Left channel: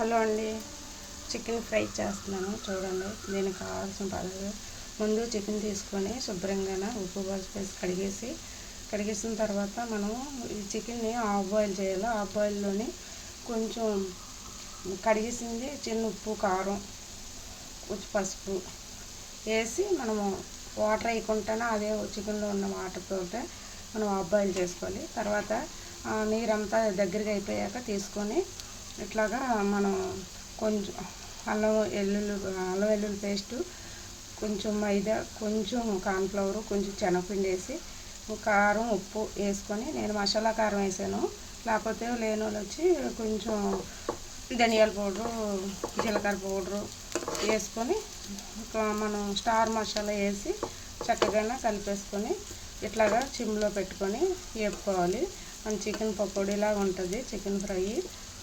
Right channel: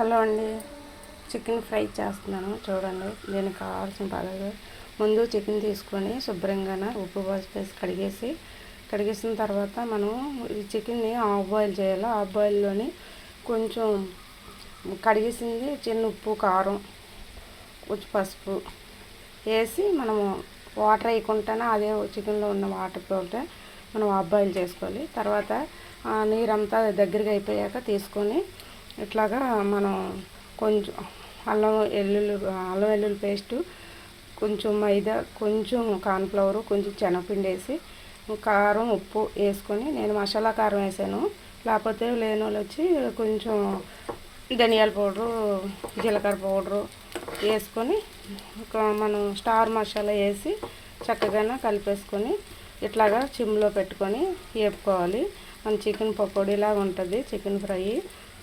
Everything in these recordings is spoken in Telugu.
హలో అండి, చికెన్ ఫ్రై చేస్తున్నాను చూడండి. దీనికి కావాల్సిన పదార్థాలు: ముందు చికెన్ తీసుకొని శుభ్రంగా ఉప్పు వేసి కడిగేసిన తర్వాత మనం ఈ చికెన్ని హాఫ్ బాయిల్ చేయాలి. హాఫ్ బాయిల్లోని కొంచెం కడిగేసింది చిన్న ఉప్పు, కారం, కొంచెం పసుపు వేసి మనము వాటర్ వేయకుండానే అదే చికెన్లో ఉన్న వాటర్ తోటే మనం హాఫ్ బాయిల్ చేసుకోవాలి. తర్వాత నీరంతా దగ్గరగా అయిపోయాక తీసుకొని ఇట్లాగా మనం కొంచెం అల్లం వెల్లుల్లి పేస్టు, కొంచెం మైదా, కొంచెం కార్న్ఫ్లవర్, కొంచెం శనగపిండి వేసి కారం, ఉప్పు వేసుకొని, నేను మసాలా కారం వేసాను. లేకపోతే లేని వాళ్ళు వచ్చి కొంచెం ధనియాల పౌడరు, జీలకర్ర పౌడరు వేసుకొని మనం స్టార్ మసాలా వేసి చక్కగా కలిపేసుకొని ఇట్లాగా సిమ్లో పెట్టుకొని వేపుకోవాలి. మన చికెన్ పకోడీలాగా ఉంటుంది. చికెన్ ఫ్రై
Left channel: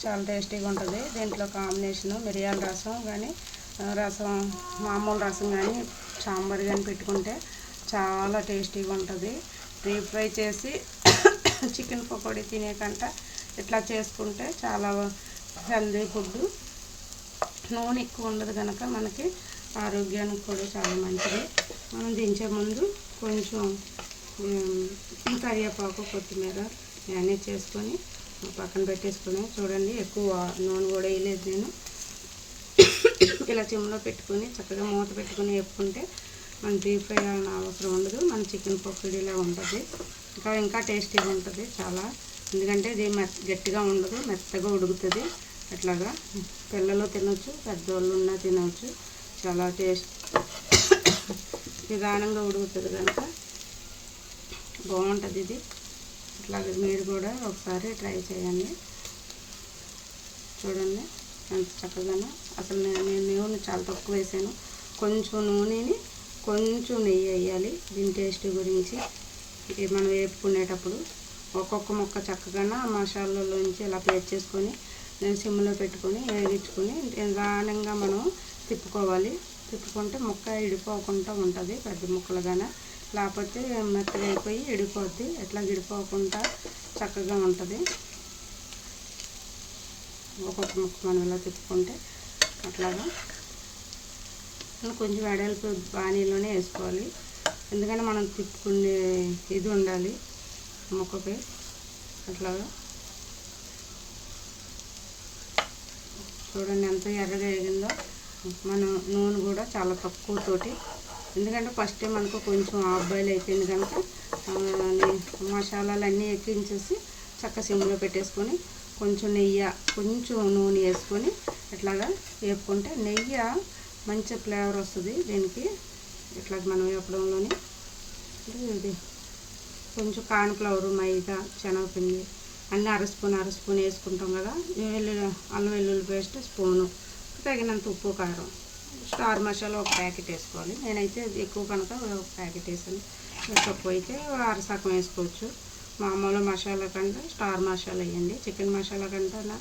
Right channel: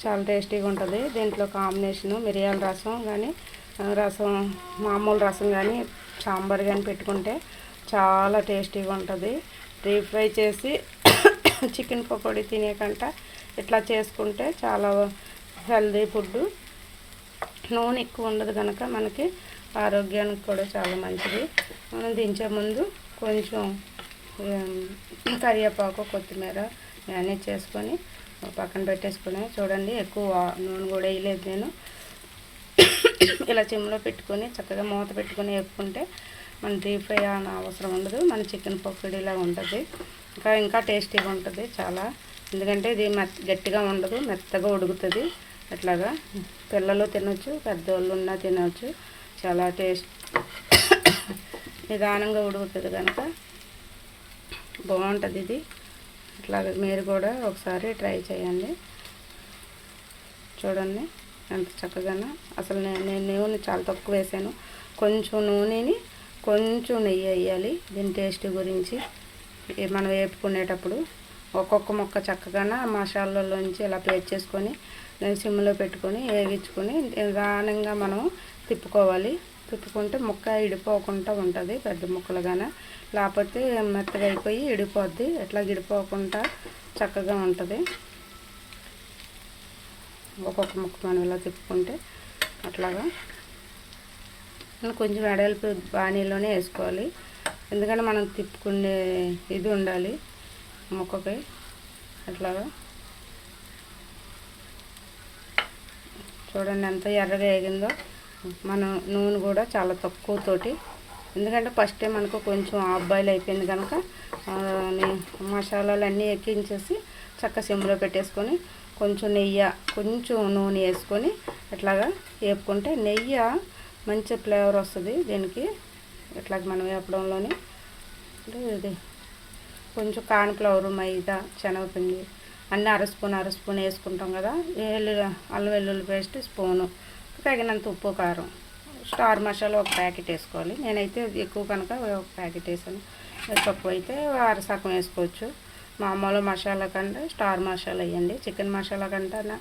చాలా టేస్టీగా ఉంటుంది. దీంట్లో కాంబినేషను మిరియాల రసం కానీ, మామూలు రసం కానీ, సాంబార్ కానీ పెట్టుకుంటే చాలా టేస్టీగా ఉంటుంది. డీప్ ఫ్రై చేసి చికెన్ పకోడీ తినే కంట ఇట్లా చేసుకుంటే చాలా హెల్దీ ఫుడ్. నూనె ఎక్కువ ఉండదు కనుక మనకి ఆరోగ్యానికి కూడా చాలా మంచిది. మనం దించే ముందు కొంచెం కరివేపాకు, కొత్తిమీర మేనేజ్ చేసుకొని పక్కన పెట్టేసుకున్నాను. చూడండి, ఎక్కువ నూనె కూడా వేయలేదు నేను. ఇలా సిమ్లో పెట్టుకొని చక్కగా మూత పెట్టుకొని వేపుకుంటే మన డీప్ ఫ్రై అనే అవసరం ఉండదు. మన చికెన్ పకోడీలా ఉంటుంది. ఇంకా టేస్టీగా ఉంటుంది చాలా. ఎందుకంటే ఇది గట్టిగా ఉండదు, మెత్తగా ఉడుకుతుంది. అట్లాగా పిల్లలు తినొచ్చు, పెద్దవాళ్ళు ఉన్నా తినొచ్చు. చాలా నిదానంగా ఉడుకుతుంది కనుక బాగుంటుంది ఇది. అట్లాగే మీరు కూడా ఒకసారి ట్రై చేయండి. చూడండి ఎంత చక్కగానో. అసలు నేను నూనె చాలా తక్కువ వేసాను. కొంచెం నూనెని కొంచెం నెయ్యి వేయాలి దీని టేస్ట్ గురించి. మనం వేపుకునేటప్పుడు ఒక్కొక్క ముక్క చక్కగా మసాలాలోంచి ఇలా ప్లేట్ చేసుకొని నేను సిమ్లో పెట్టుకొని వేగించుకొని నిదానంగా మనం తిప్పుకోవాలి. తిప్పుకుంటే ముక్క ఇడిపోకుండా ఉంటుంది, పెద్ద ముక్కలుగానే. లేకపోతే మెత్తగా అయిపోయి ఇడిపోద్ది. ఎట్లా ఇడిపోకుండా చక్కగా ఉంటుంది. ఒక్కొక్క ముక్క మనం ఇలా తిప్పుకుంటే అట్లాగా కొంచెం వెడల్పు బాణీలోనే వేసుకోవాలి. ఎందుకంటే మనం తిప్పుకునే ఇది ఉండాలి ముక్కకి. అట్లాగా చూడండి ఎంత ఎర్రగా వేగిందో. మనం నూనె కూడా చాలా తక్కువతోటి, ఎందుకంటే ఫస్ట్ టైం మనకు కొంచెం హాఫ్ బాయిల్ అయిపోయింది కనుక మసాలాలు అన్నీ ఎక్కించేసి చక్క సిమ్లో పెట్టేసుకొని కొంచెం నెయ్యి, కొంచెం నూనె వేసుకొని ఇట్లాగా వేపుకుంటే నెయ్యి మంచి ఫ్లేవర్ వస్తుంది దీనికి. ఇట్లా మనం వేపడంలోని ఇది కొంచెం కార్న్ఫ్లవర్, మైదా, శనగపిండి అన్నీ అర స్పూన్ వేసుకుంటాం కదా. అల్లం వెల్లుల్లి పేస్ట్ స్పూను, తగినంత ఉప్పు, కారం, స్టార్ మసాలా ఒక ప్యాకెట్ వేసుకోవాలి. నేనైతే ఎక్కువ కనుక ఒక ప్యాకెట్ వేసాను. తక్కువ అయితే అరసకం వేసుకోవచ్చు. మామూలు మసాలా కంటే స్టార్ మసాలా వేయండి. చికెన్ మసాలా కంటే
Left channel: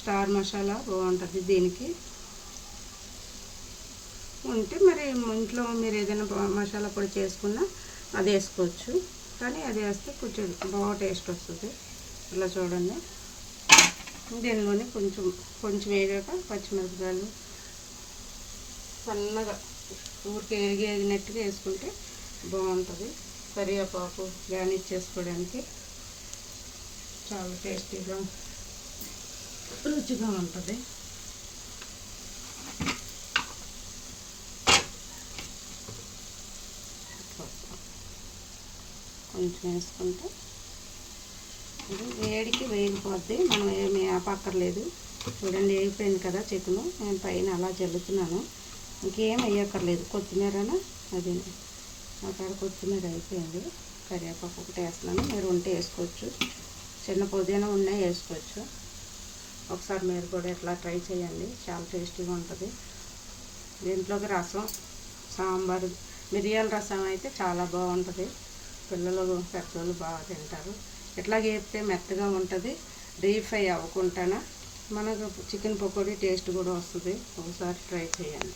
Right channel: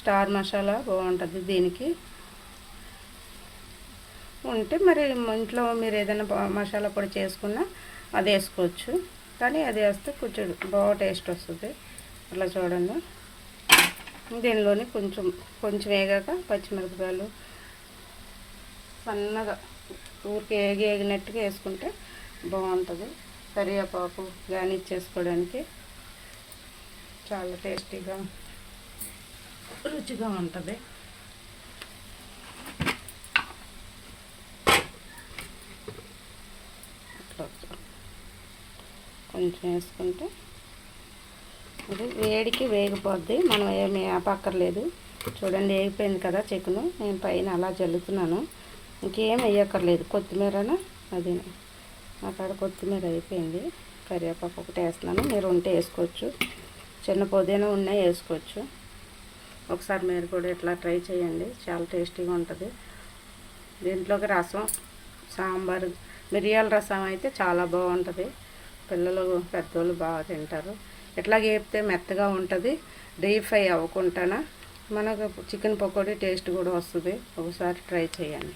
స్టార్ మసాలా బాగుంటుంది దీనికి. ఉంటే మరి ఇంట్లో మీరు ఏదైనా మసాలా పొడి చేసుకున్నా అది వేసుకోవచ్చు. కానీ అది వేస్తే కొంచెం బాగా టేస్ట్ వస్తుంది. ఇలా చూడండి. దీనిలోనే కొంచెం వేగాక పచ్చిమిరపకాయలు సన్నగా ఊరికి ఏగినట్టుగా వేసుకుంటే బాగుంటుంది. కరివేపాకు గార్నిష్ చేసుకోవడానికి చాలా టేస్టీగా, రుచిగా ఉంటుంది. కొంచెం వేసుకుంటే ఇది వేడికి వేగిపోద్ది. మనం ఏమి ఆపక్కర్లేదు. చూడండి, వేగిపోయింది కదా చికెను. నేను పైన అలా జల్లుతున్నాను. ఇంకేం వేయక్కర్లేదు. కొత్తిమీరను అది అక్కడ కొత్తిమీర అయిపోయింది. కరివేపాకు ఒకటి వేస్తున్నాను. మీరు ఉంటే వేసుకోవచ్చు. చిన్న పుదీనా ఉన్నాయి వేసుకోవచ్చు. ఒకసారి మీరు కూడా ఇట్లా ట్రై చేయండి. చాలా టేస్టీగా ఉంటుంది. దీంట్లోకి రసం, సాంబారు, మిరియాల రసం అయితే చాలా బాగుంటుంది. పిల్లలు, పెద్దోళ్ళు బాగా తింటారు. ఎట్లా వేపితే మెత్తగా ఉంటుంది. డీప్ ఫ్రై అవ్వకుండా మనకు చికెన్ పకోడీ టేస్ట్ కూడా వస్తుంది. ఒకసారి ట్రై చేయండి.